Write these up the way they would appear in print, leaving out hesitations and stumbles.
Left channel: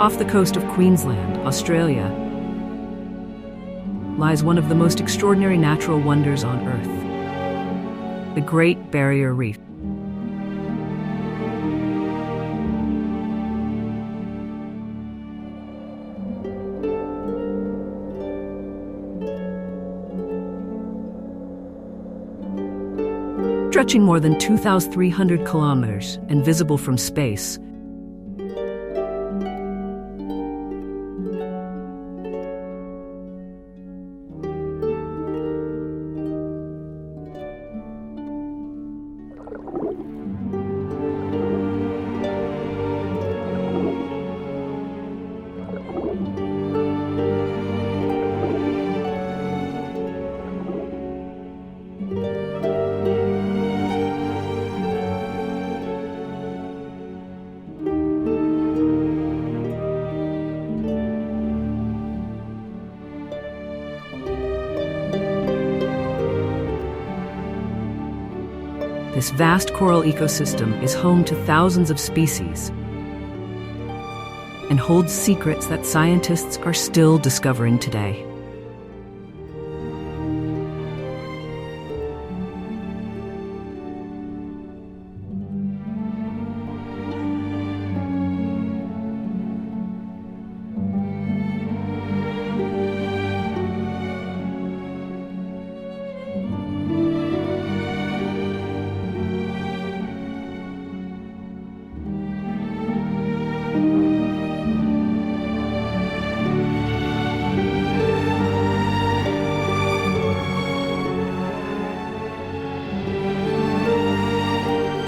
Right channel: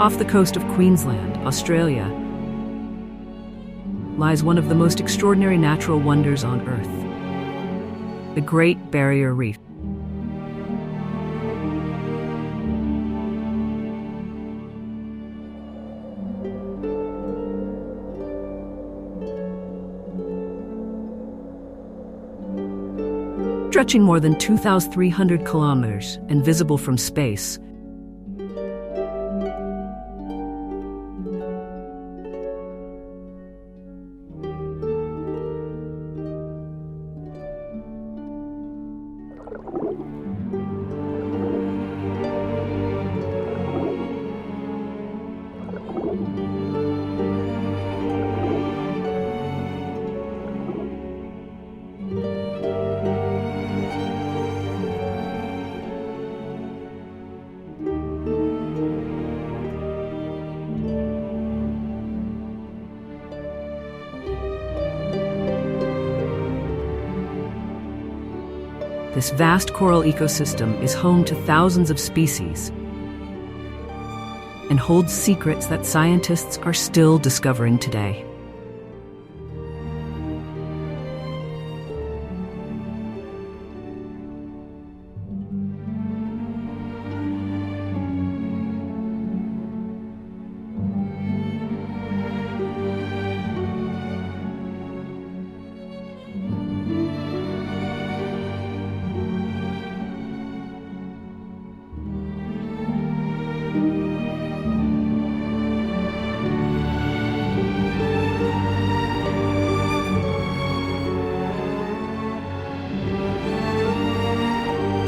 Off the coast of Queensland, Australia, lies one of the most extraordinary natural wonders on Earth, the Great Barrier Reef. Stretching more than 2,300 kilometers and visible from space, this vast coral ecosystem is home to thousands of species and holds secrets that scientists are still discovering today.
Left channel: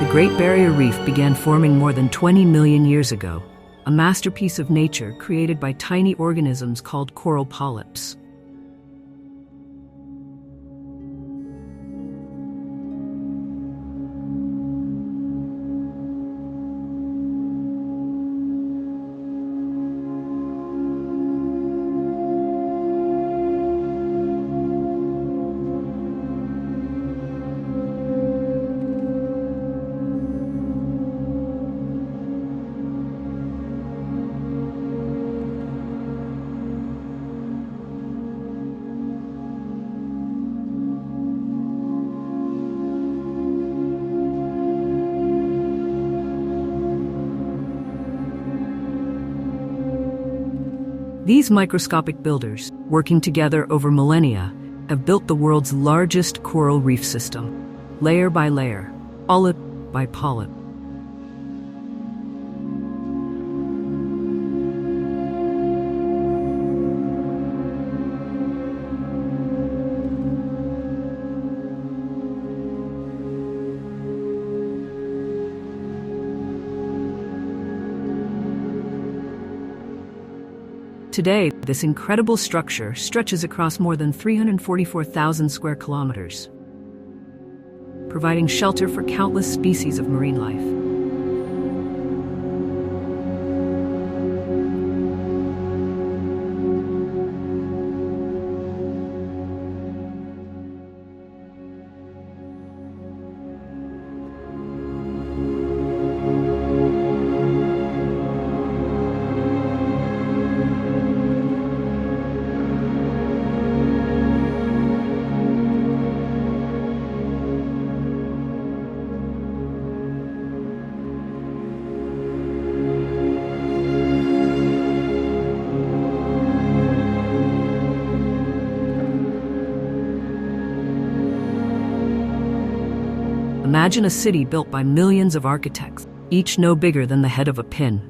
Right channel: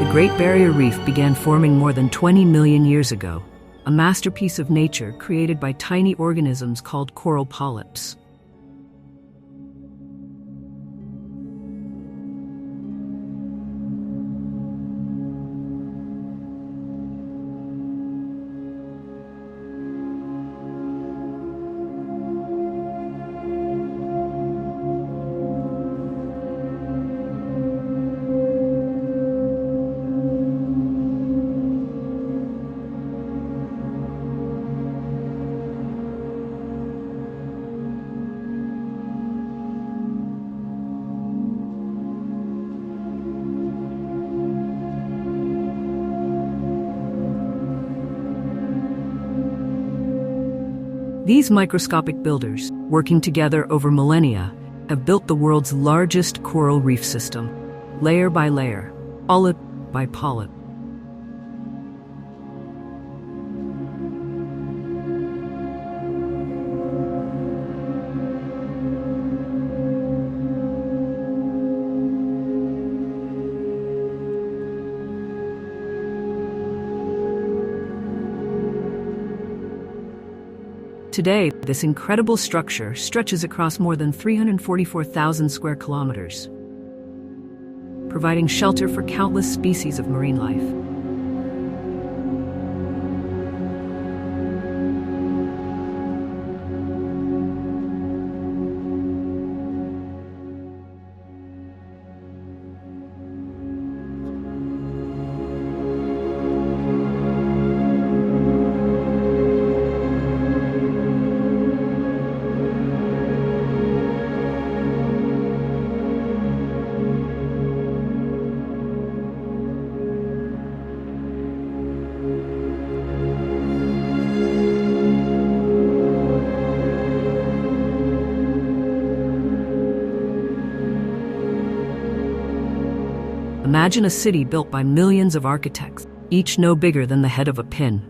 The Great Barrier Reef began forming more than 20 million years ago, a masterpiece of nature created by tiny organisms called coral polyps. These microscopic builders, working together over millennia, have built the world's largest coral reef system, layer by layer, polyp by polyp. Today, this incredible structure stretches across more than 344,000 square kilometers, providing shelter for countless species of marine life. Imagine a city built by millions of architects, each no bigger than the head of a pin.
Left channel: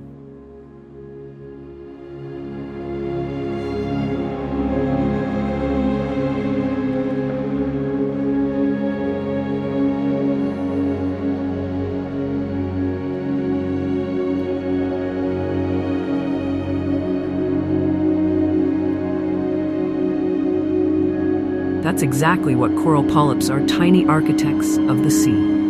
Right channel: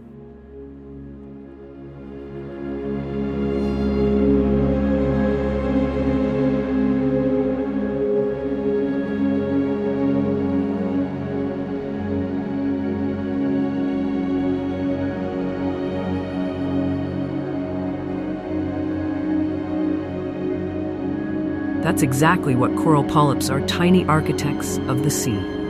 That's exactly what coral polyps are, tiny architects of the sea.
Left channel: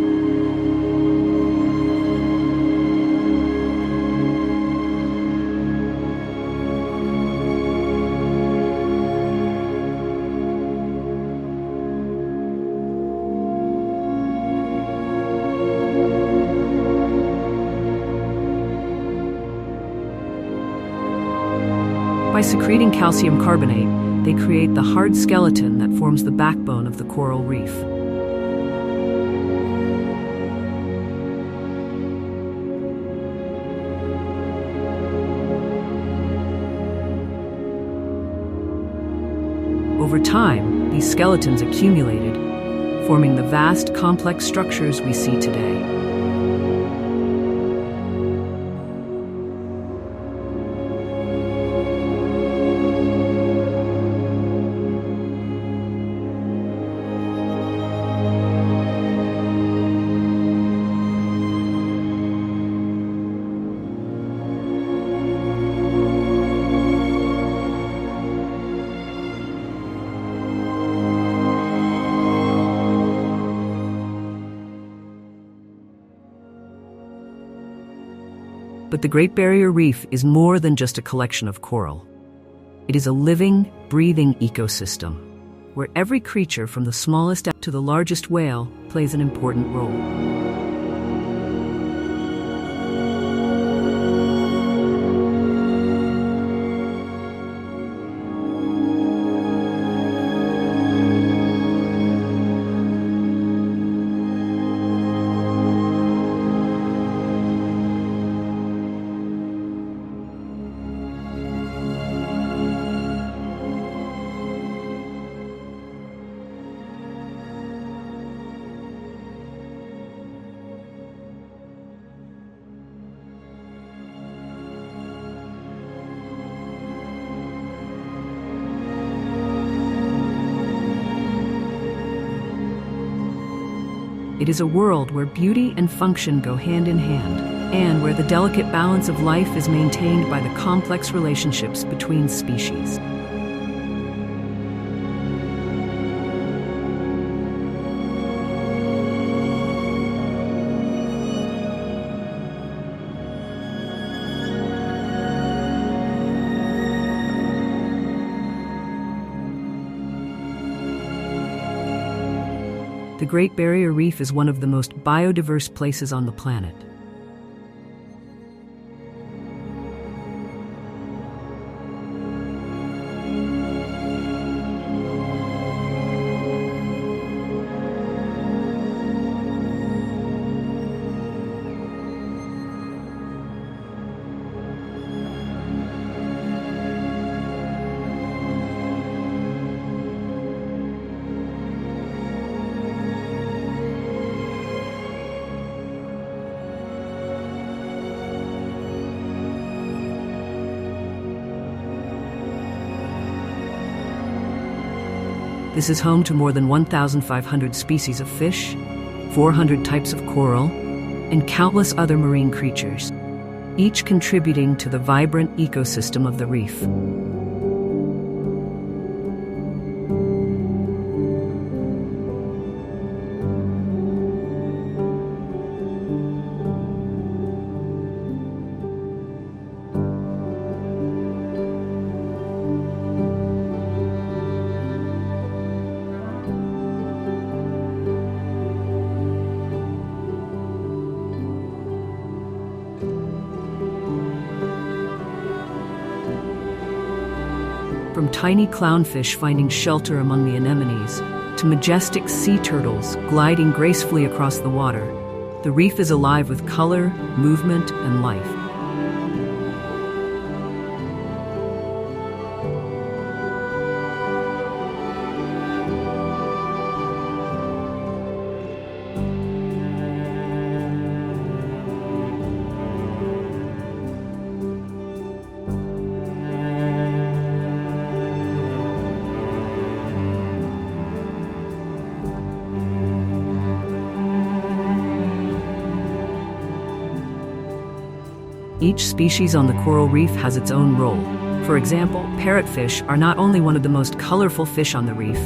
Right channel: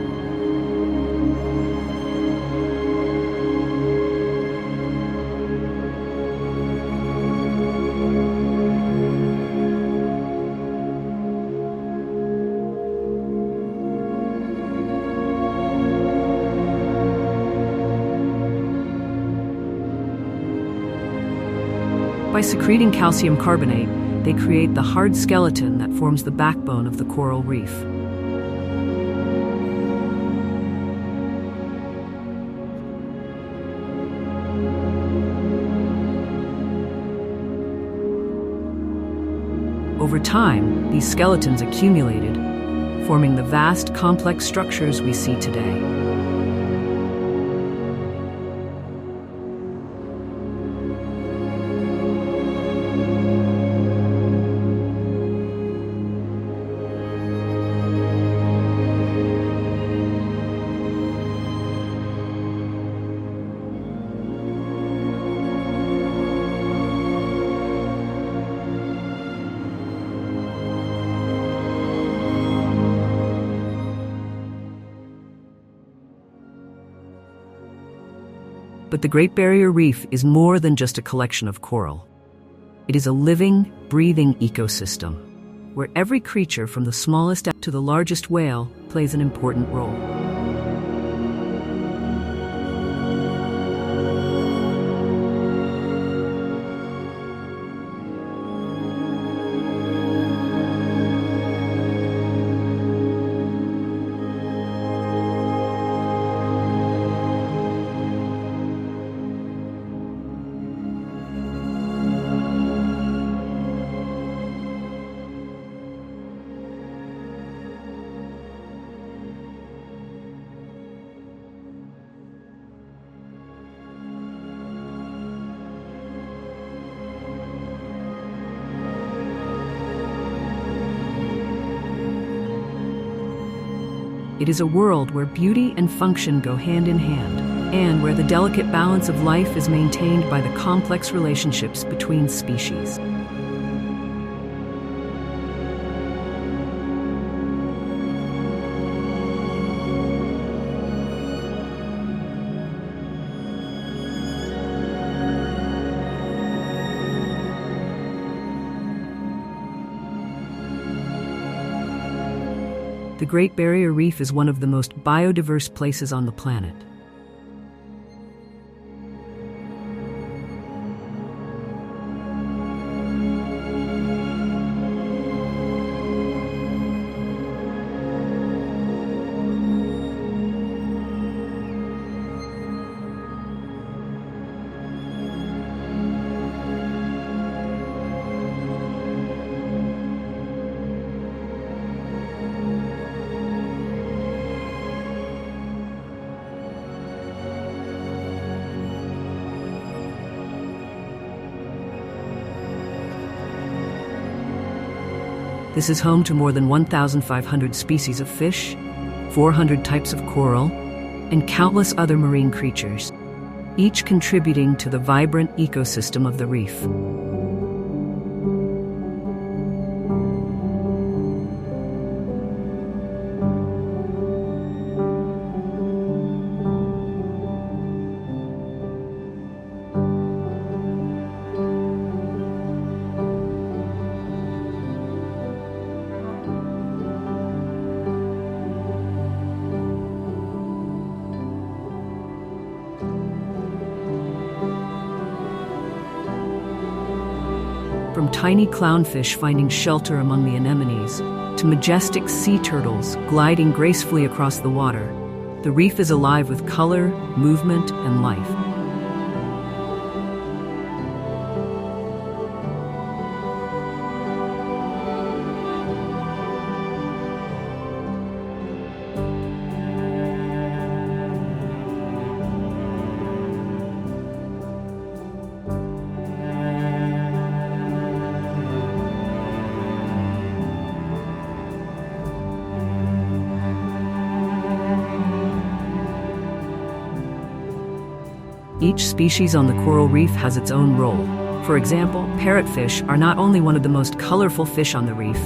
By secreting calcium carbonate, they create the hard skeleton that forms the backbone of the coral reef. Over time, these skeletons accumulated, forming the vast, complex structures we see today. But the Great Barrier Reef is more than just a collection of coral. It is a living, breathing ecosystem, where every creature from the smallest to the largest whale plays an important role. It is a world where beauty and function go hand in hand, and where the delicate balance of life is maintained by the complex relationships between species. The Great Barrier Reef is one of the most biodiverse places on the planet. This is home to more than 1,500 species of fish, 400 types of coral, and countless other marine creatures, each contributing to the vibrant ecosystem of the reef. From tiny clownfish finding shelter among the anemones, to majestic sea turtles gliding gracefully across the water, the reef is alive with color, movement, and life. Each species on the coral reef has its own role. For example, parrotfish are not only one of the most colorful fish on the reef,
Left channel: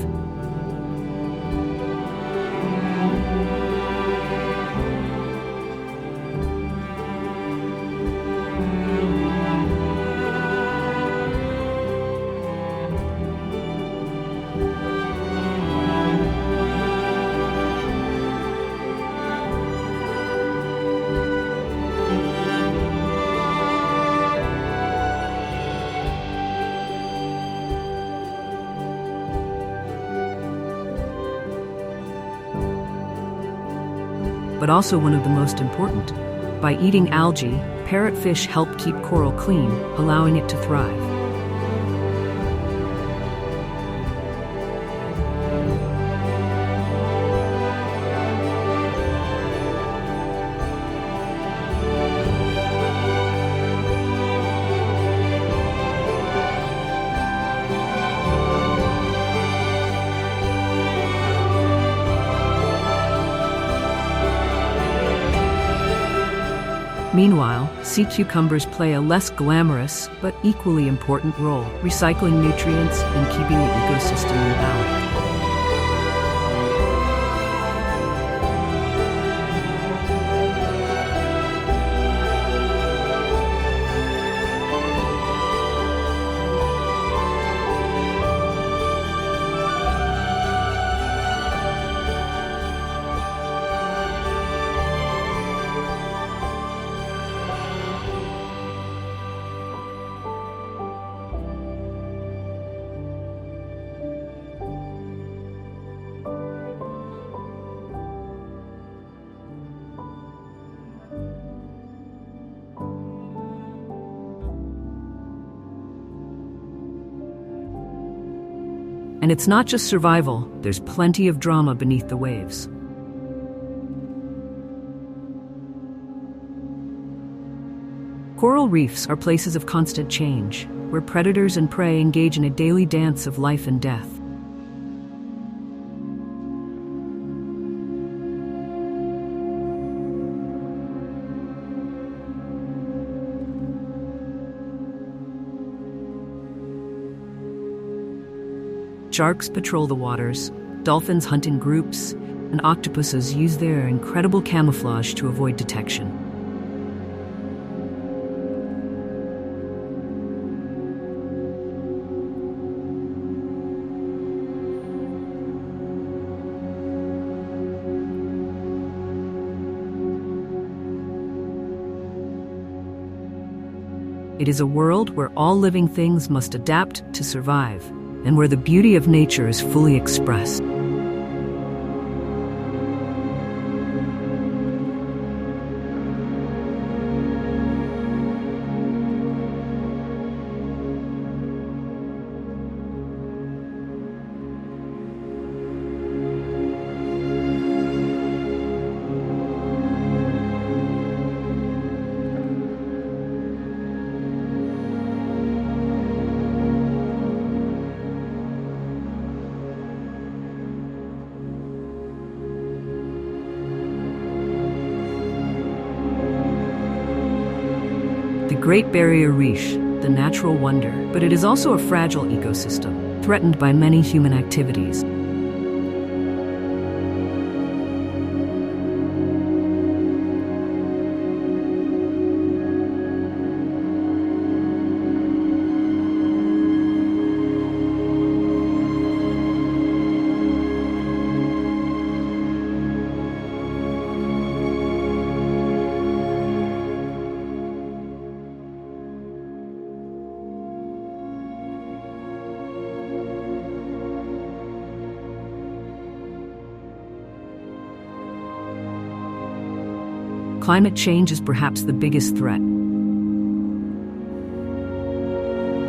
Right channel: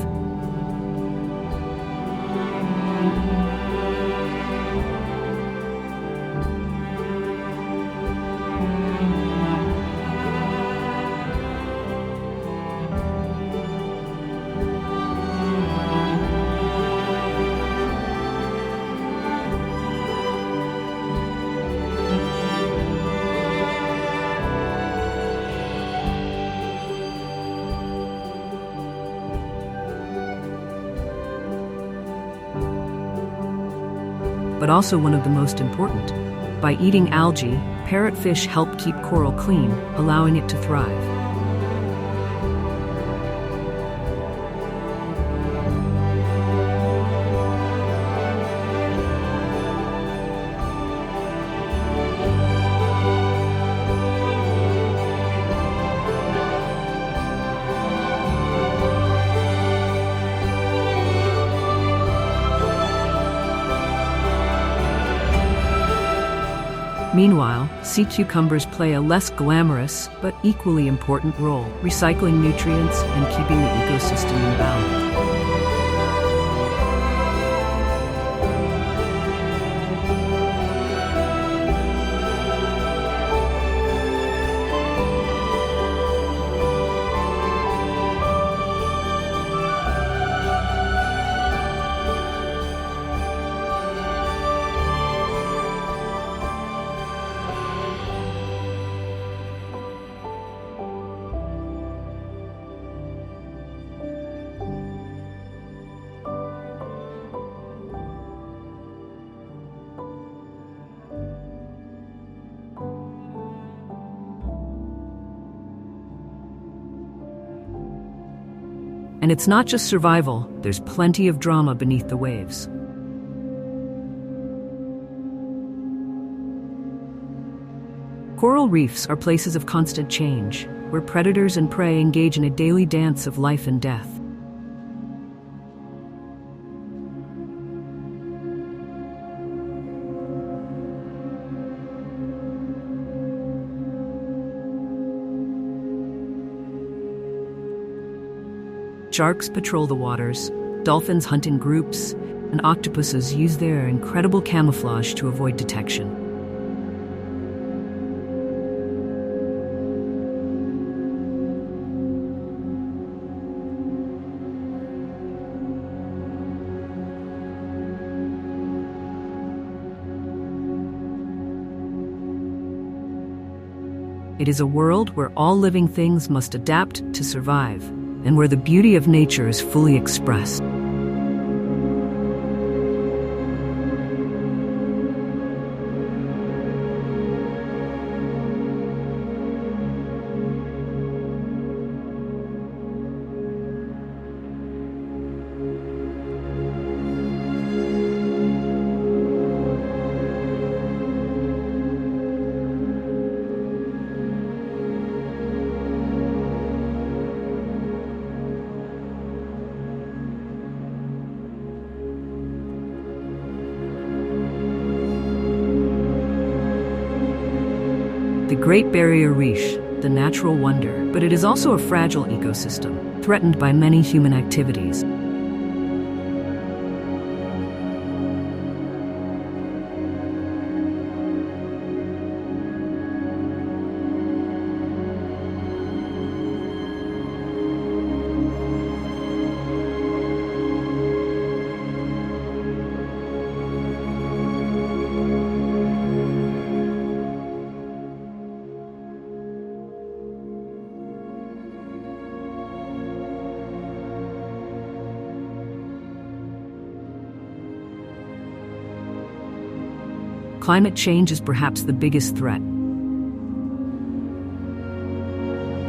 but also one of the most important. By eating algae, parrotfish help keep coral clean, allowing it to thrive. Meanwhile, sea cucumbers play a less glamorous but equally important role, recycling nutrients and keeping the ecosystem in balance. And it's not just survival, there's plenty of drama beneath the waves. Coral reefs are places of constant change, where predators and prey engage in a daily dance of life and death. Sharks patrol the waters, dolphins hunt in groups, and octopuses use their incredible camouflage to avoid detection. It is a world where all living things must adapt to survive, and where the beauty of nature is fully expressed. The Great Barrier Reef, the natural wonder, but it is also a fragile ecosystem, threatened by many human activities. Climate change is perhaps the biggest threat.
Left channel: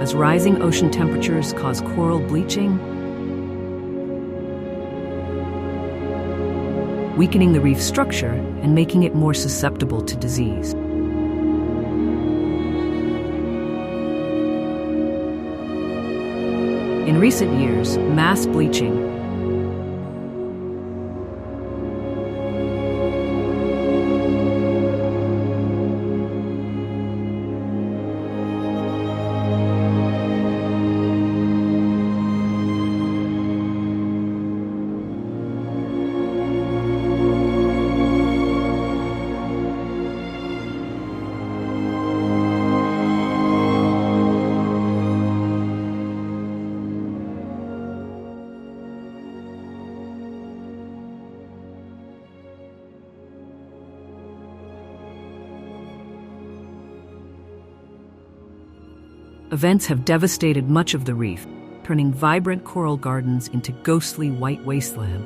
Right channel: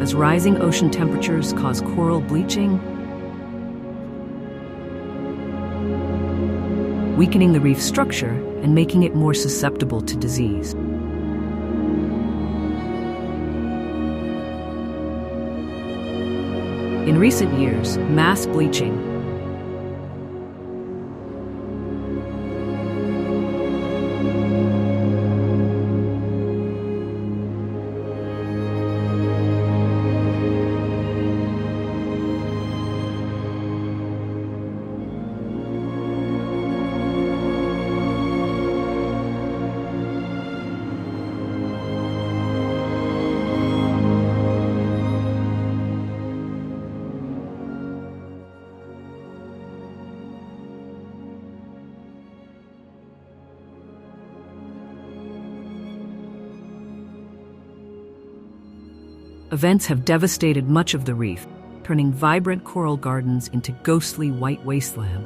As rising ocean temperatures cause coral bleaching, weakening the reef structure and making it more susceptible to disease. In recent years, mass bleaching events have devastated much of the reef, turning vibrant coral gardens into ghostly white wasteland.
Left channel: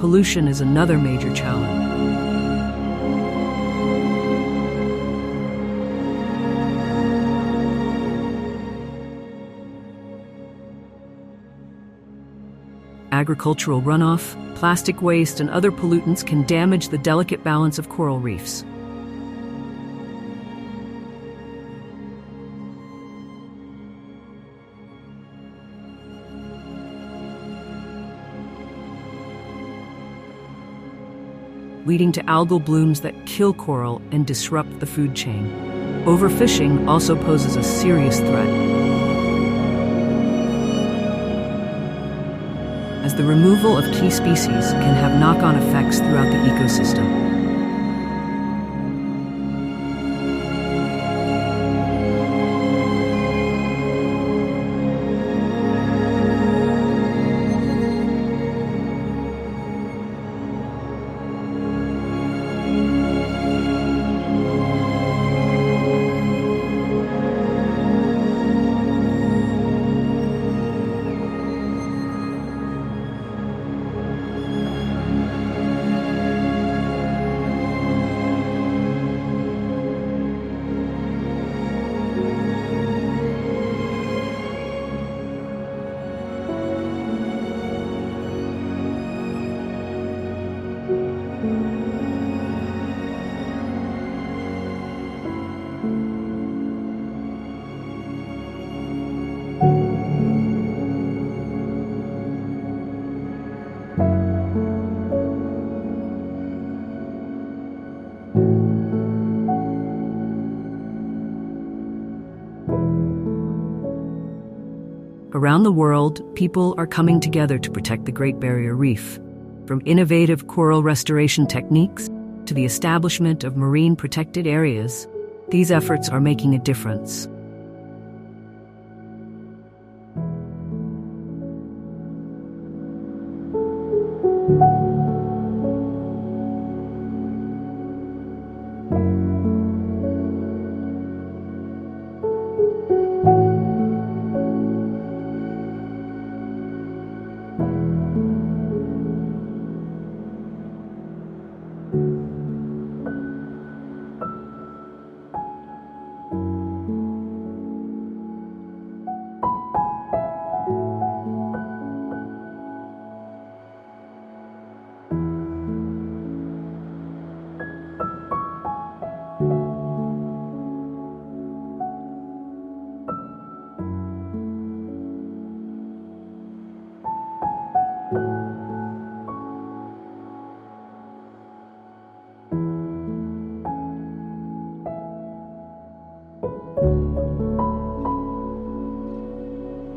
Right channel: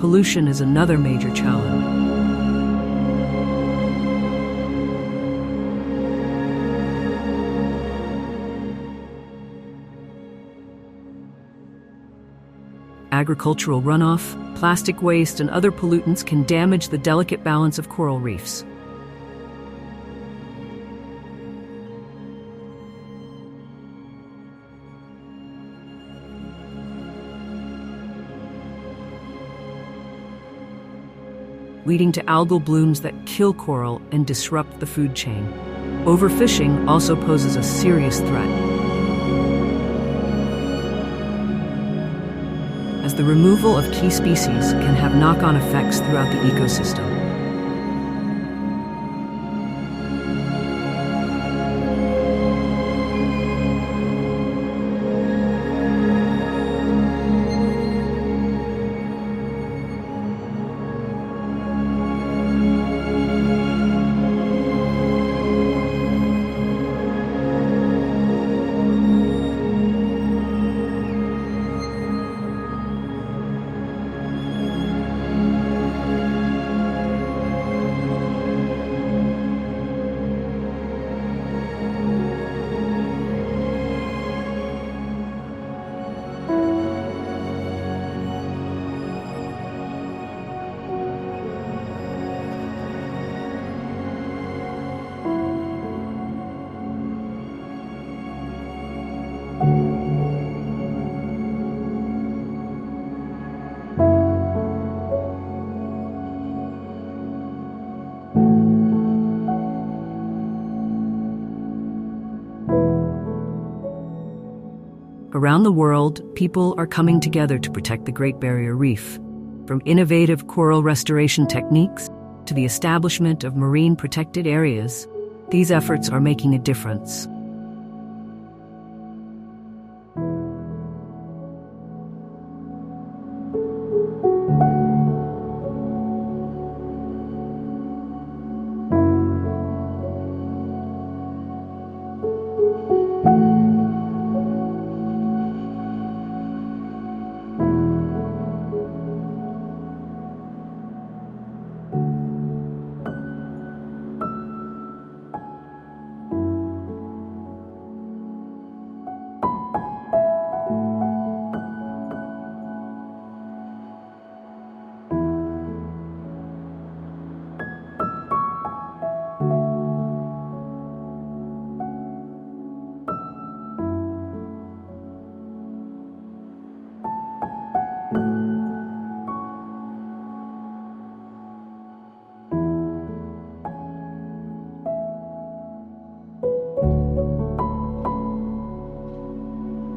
Pollution is another major challenge. Agricultural runoff, plastic waste, and other pollutants can damage the delicate balance of coral reefs. Leading to algal blooms that kill coral and disrupt the food chain. Overfishing also poses a serious threat, as the removal of key species can have knock-on effects throughout the ecosystem. Around the world, people are coming together to protect the Great Barrier Reef. From innovative coral restoration techniques to the establishment of marine protected areas, these efforts are making a difference.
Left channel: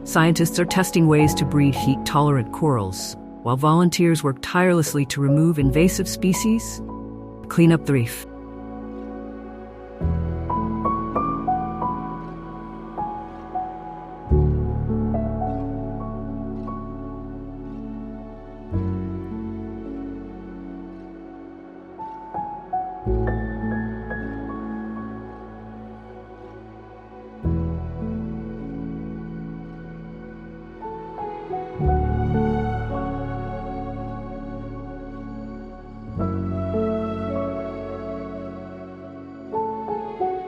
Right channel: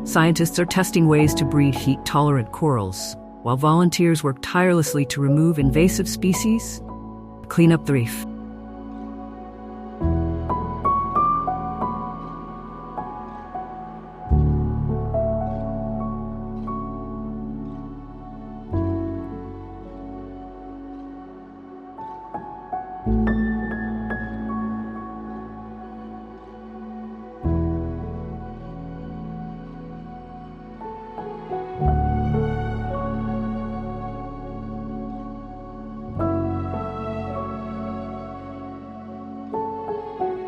Scientists are testing ways to breed heat-tolerant corals, while volunteers work tirelessly to remove invasive species, clean up the reef.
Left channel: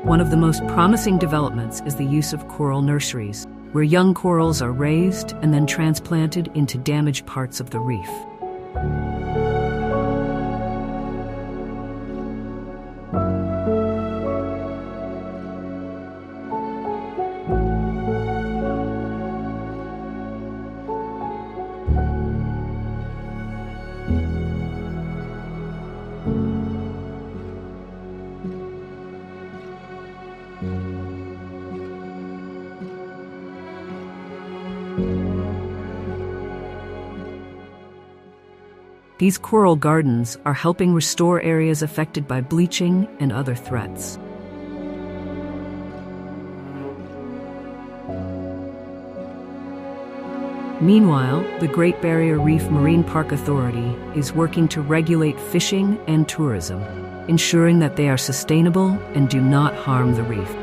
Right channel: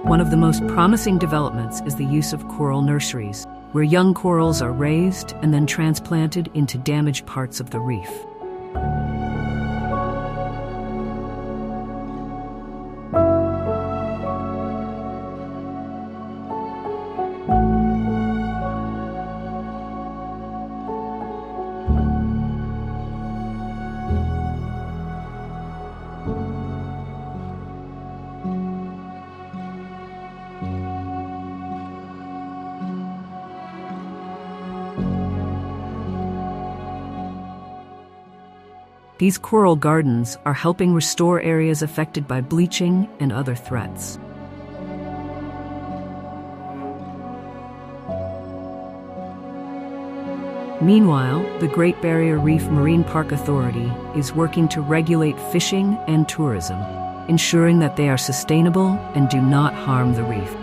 One of the most promising developments is the use of coral nurseries, where young corals are raised and then transplanted into damaged parts of the reef. These coral gardens are helping restore areas affected by bleaching and other threats. Meanwhile, the Great Barrier Reef Marine Park Authority is working to regulate fishing and tourism, ensuring that they are sustainable and do not harm the reef.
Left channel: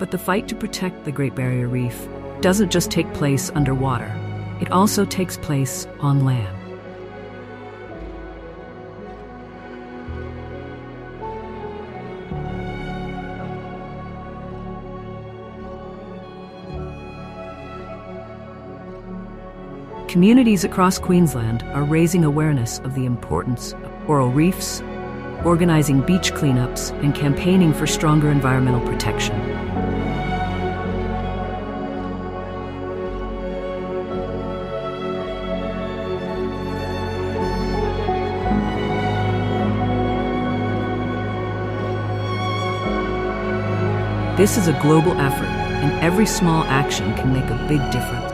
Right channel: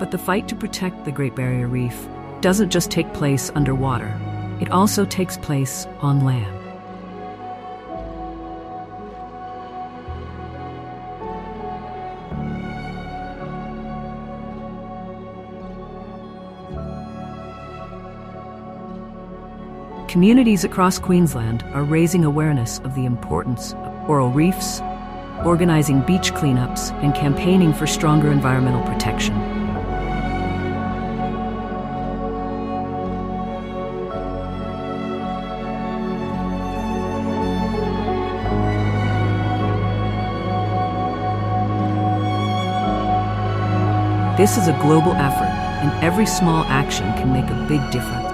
But the fight to protect the Great Barrier Reef doesn't just take place underwater. It also takes place on land. Communities across Queensland are raising awareness of the importance of coral reefs, organizing beach cleanups, and campaigning for stronger environmental protection. This is a global effort, and every small action can make a big difference.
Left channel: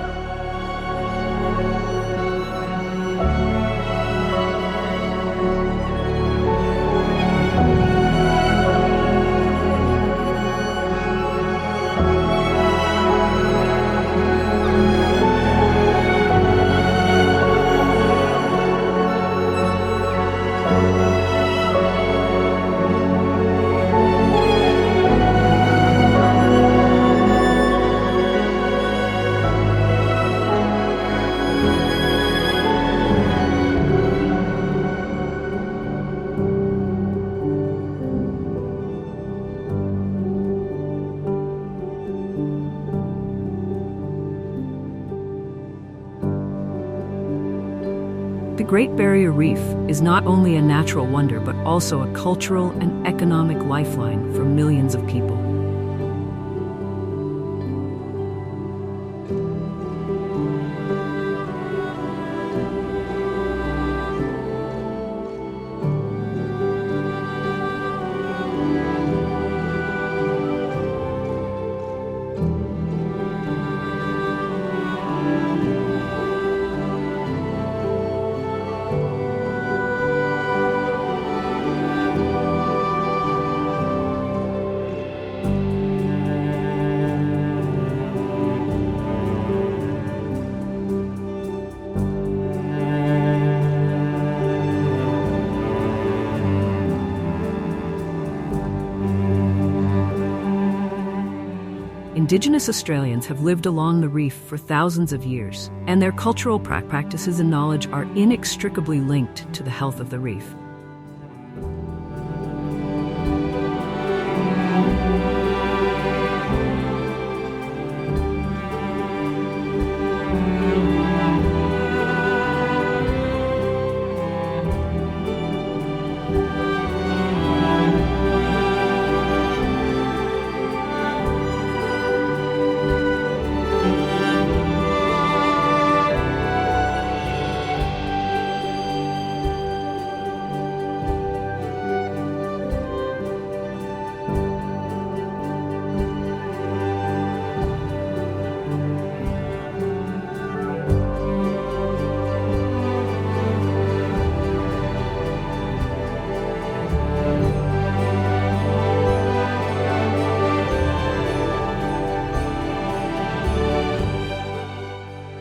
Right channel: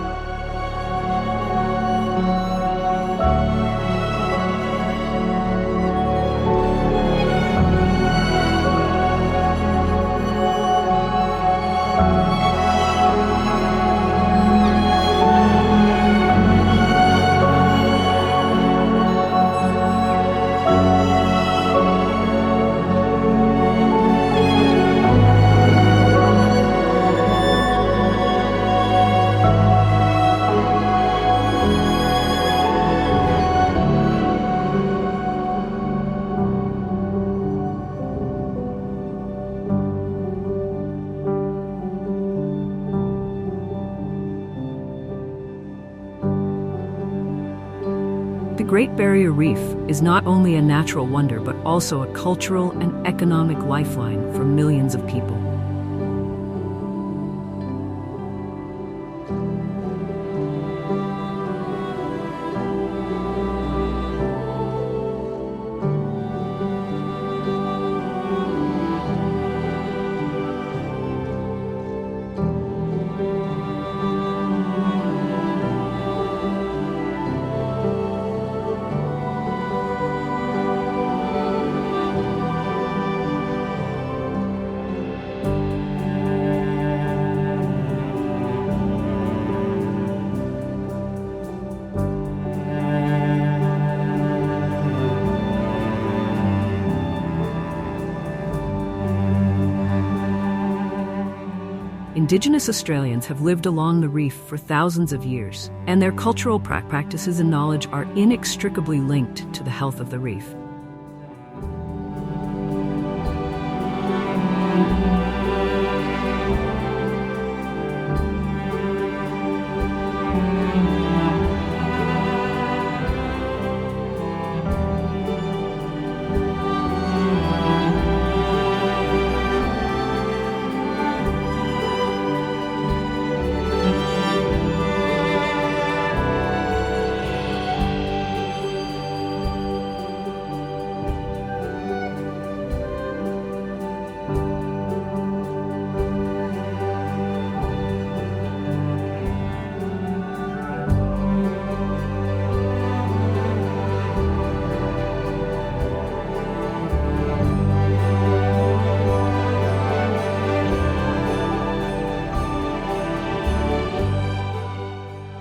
The Great Barrier Reef is not only a natural wonder but also a cultural and economic lifeline for millions of people. Indigenous Australians have lived along the reef for thousands of years, and their cultural practices and knowledge are inextricably linked to the health of the reef.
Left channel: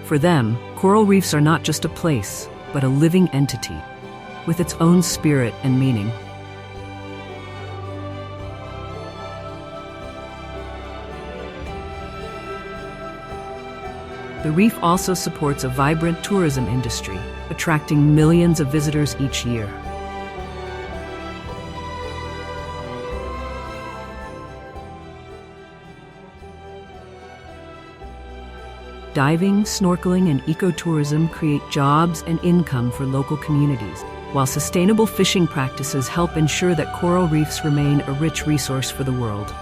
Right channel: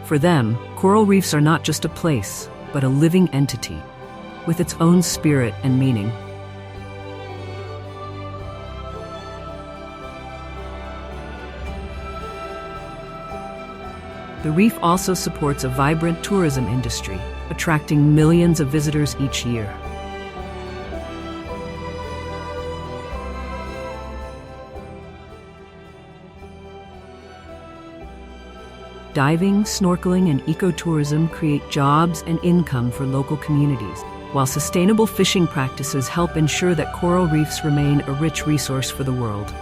For them, coral reefs are not just a place, but a living entity, with its own spirit and meaning. The reef also supports a vibrant tourism industry, attracting millions of visitors each year. Diving, snorkeling, and ecotourism create jobs and income for local communities, while sustainable fishing practices help ensure that coral reefs remain a rich resource for the world.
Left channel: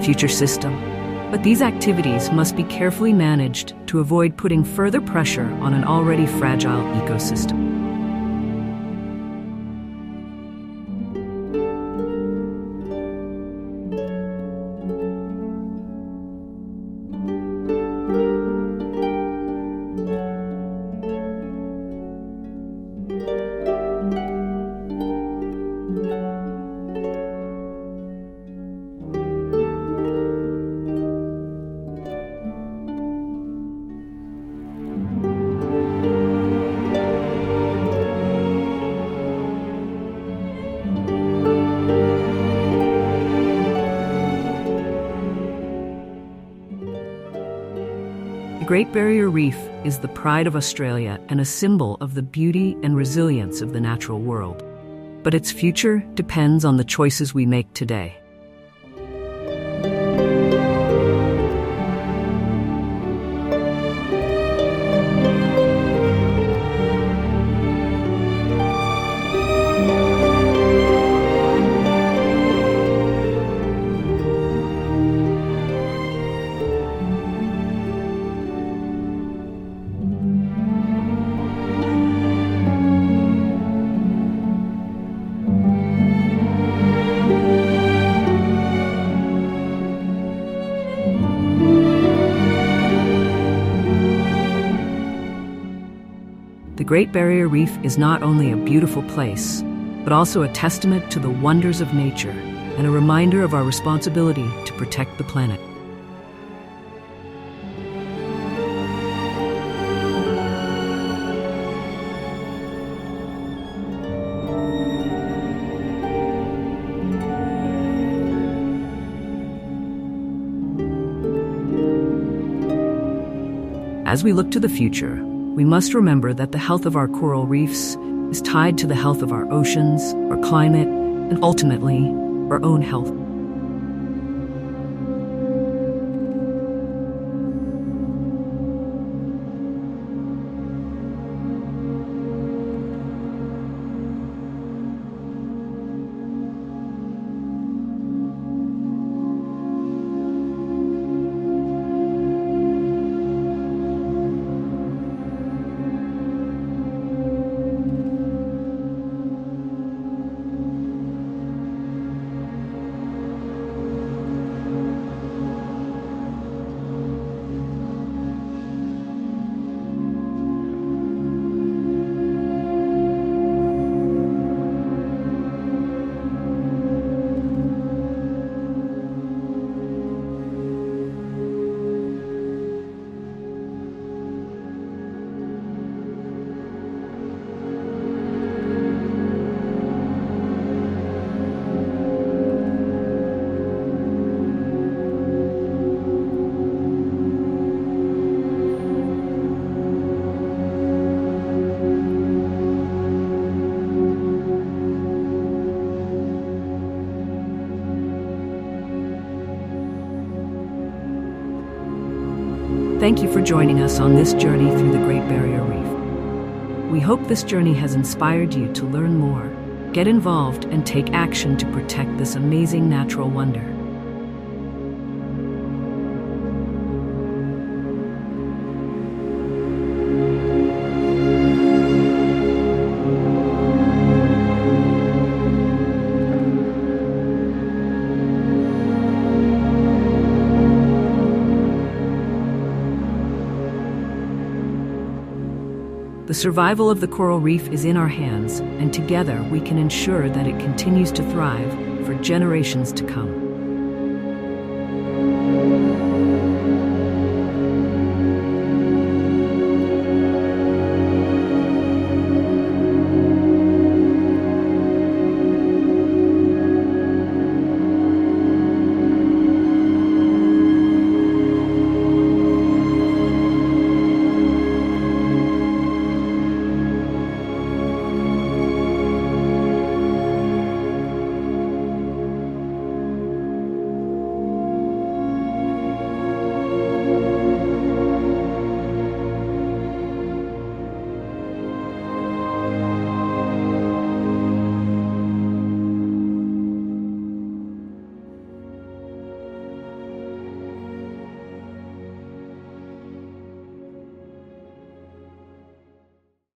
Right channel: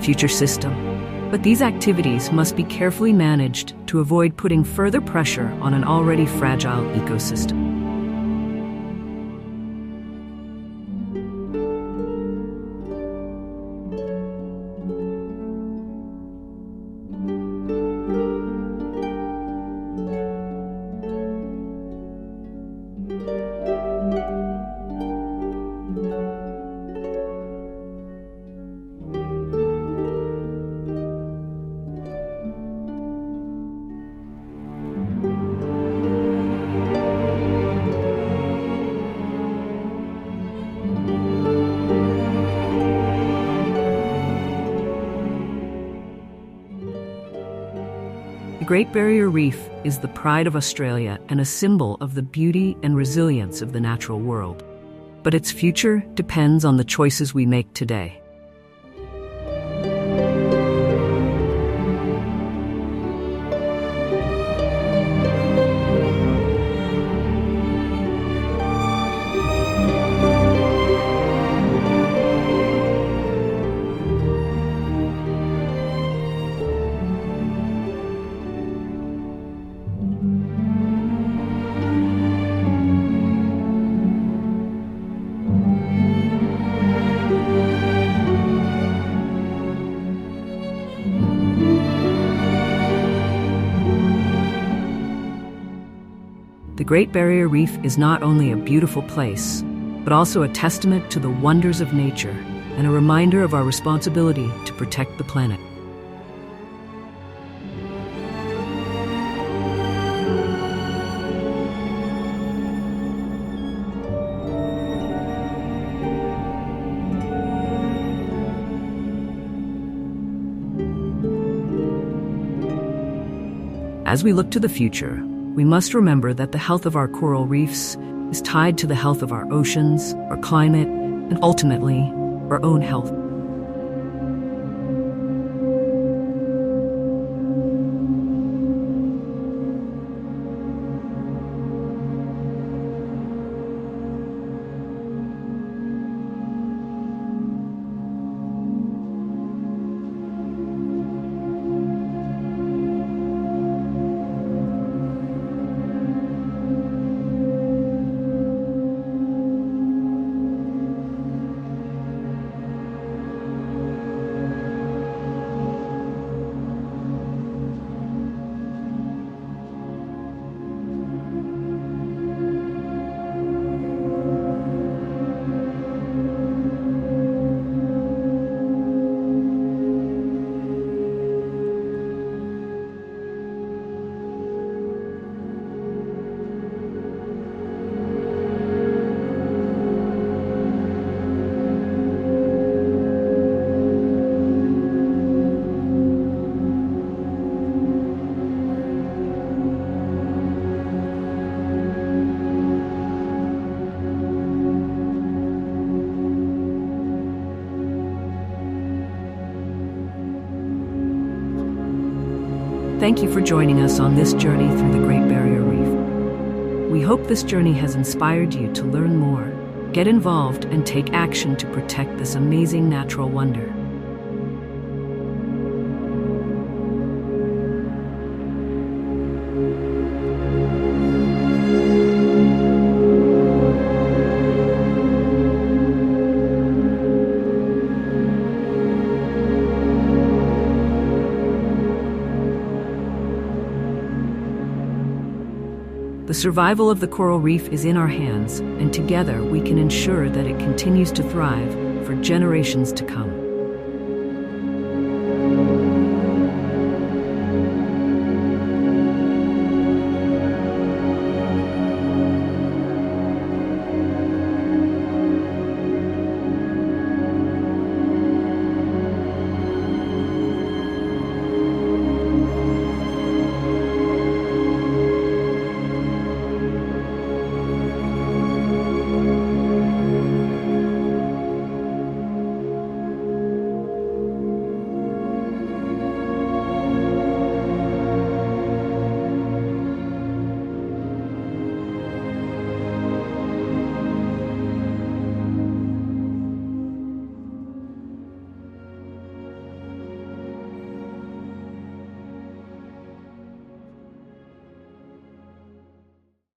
Future system. But these activities must be carefully managed to avoid putting further pressure on an already fragile ecosystem. The Great Barrier Reef is the pride of Australia and a symbol of the beauty and resilience of the natural world. But its future depends on the choices we make today. The Great Barrier Reef is not only a beautiful place, but also a testament to the wonders of nature and a reminder of our responsibility to protect the planet. As we look to the future, we must remember that the health of our coral reefs is tied to the health of our oceans, our climate, and ultimately, our own health. Thank you for joining us on this journey through the Great Barrier Reef. We hope this journey has inspired you to learn more, get involved, and take action to protect this amazing natural wonder. The survival of the coral reef is in our hands, and together we can ensure that it continues to thrive for generations to come.